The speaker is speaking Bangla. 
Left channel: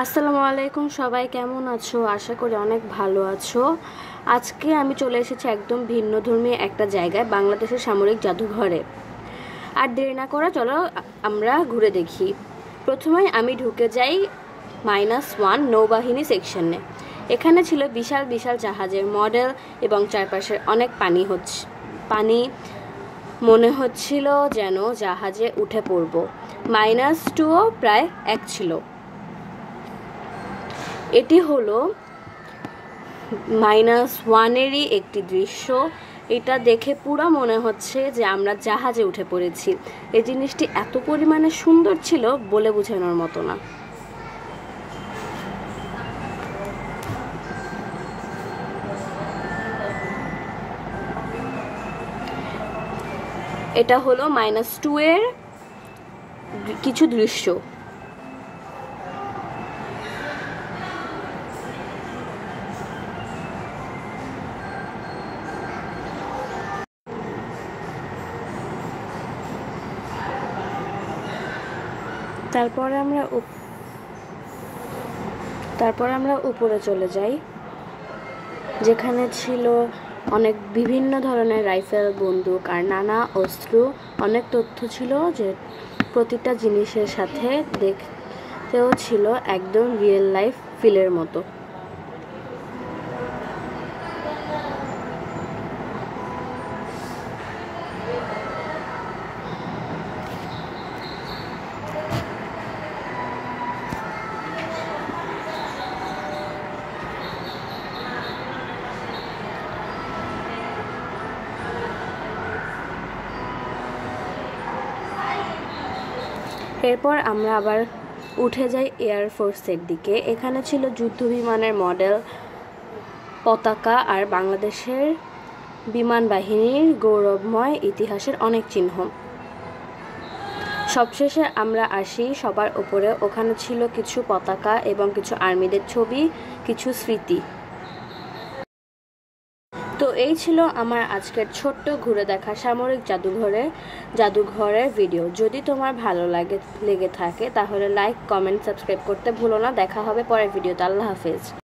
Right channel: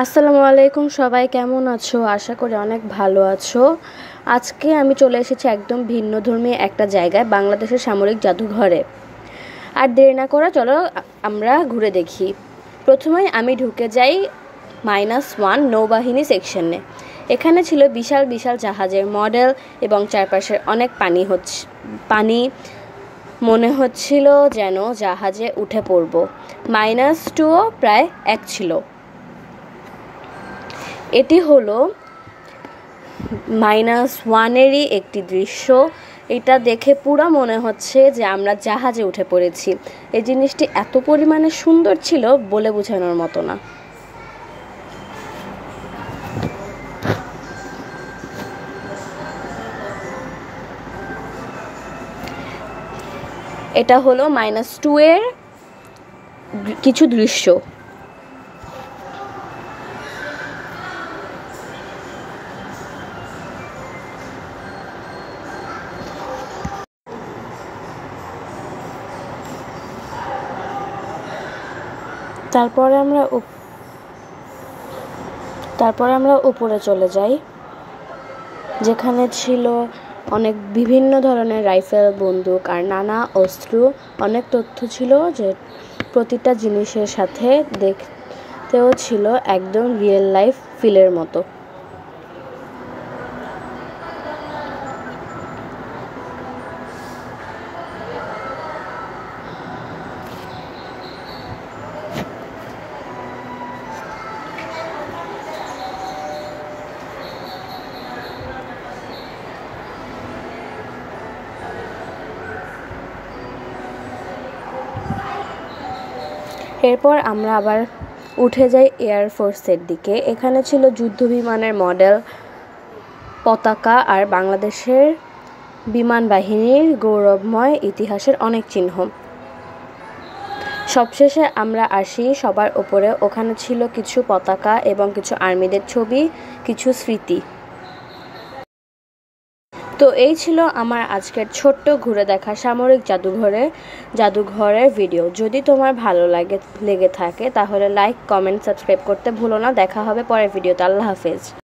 আসসালামু আলাইকুম, সবাই কেমন আছো? আশা করি অনেক ভালো আছো। আজকে আমি চলে এসেছি একদম ভিন্নধর্মী একটা জায়গায়, বাংলাদেশের সামরিক জাদুঘরে। আর দেরি না করে চলো আমরা ঘুরে দেখি। প্রথমেই আমি ঢুকে যাই -1 নৌবাহিনী সেকশনে। এখানে ছিল বিশাল বিশাল জাহাজের মডেল এবং চারপাশের অনেক পানি মনে হচ্ছিল যেন জাহাজে উঠে পড়ব। -2ও প্রায় এক ছিল। এটি হলো -1-এরই একটি দৃশ্য। এটা দেখে পুরো মনে হচ্ছে যে আমরা জাহাজে উঠে পড়েছি। এই জিনিসটি এত পরিমাণে সুন্দর ছিল, বলে বোঝানোর মতো না। এটা হলো -2 এর কিছু দৃশ্য। তারপরে আমরা উপরে চলে যাই, যেখানে ছিল অনেক বিভিন্ন ধরনের রাইফেল, বন্দুক আর নানা অস্ত্র। অনেক তথ্য ছিল, যে প্রতিটা জিনিসের সাথে দেখতেও ছিল একদম রিয়েল লাইফ ফিলের মতো। এরপর আমরা আবার উঠে যাই এয়ারফোর্সের দিকে। এখানে ছিল যুদ্ধ বিমানের মডেল, পতাকা আর বাংলাদেশের বিমান বাহিনীর গৌরবময় ইতিহাসের অনেক চিহ্ন। সবশেষে আমরা আসি সবার উপরে। ওখানে ছিল কিছু পতাকা এবং কিছু আর্মিদের ছবি, কিছু স্মৃতি। তো এই ছিল আমার আজকের ছোট্ট ঘুরে দেখা সামরিক জাদুঘরের ভিডিও। যদি তোমার ভালো লেগে থাকে তাহলে লাইক, কমেন্ট, সাবস্ক্রাইব করতে ভুলো না। দেখা হবে পরের ভিডিওতে। আল্লাহ হাফেজ।